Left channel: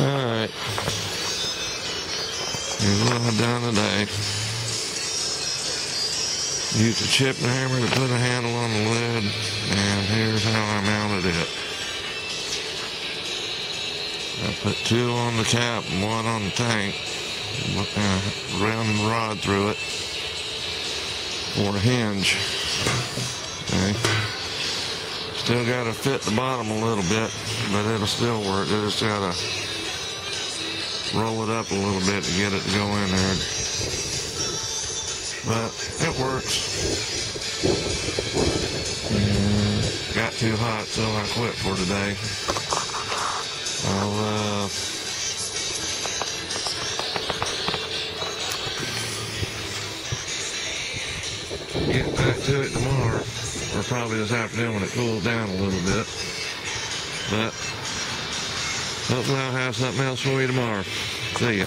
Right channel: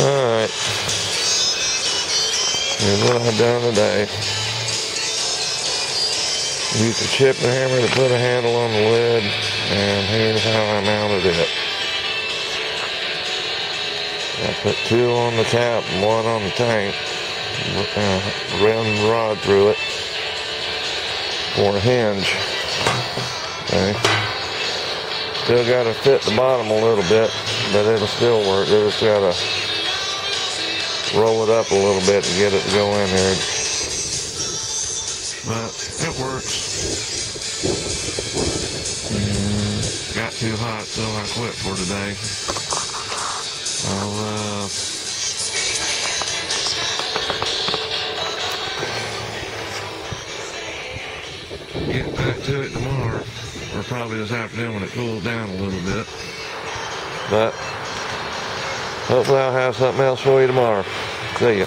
Alright. Here's what I've done today. Used a chipping hammer to put a handle on the lid, and here's how I mounted it. I put 2 on the cap and 1 on the tank, ran the rod through it for a hinge. Okay. Still got to fit the bottom a little bit, but it'll still work. You just got to roll it up a little bit to get it to go in there. But it works. Got too hot, so I quit for today. I'll get back to it tomorrow, or probably this afternoon when it cools down a little bit. But hopefully I'll have something else for you tomorrow. See ya.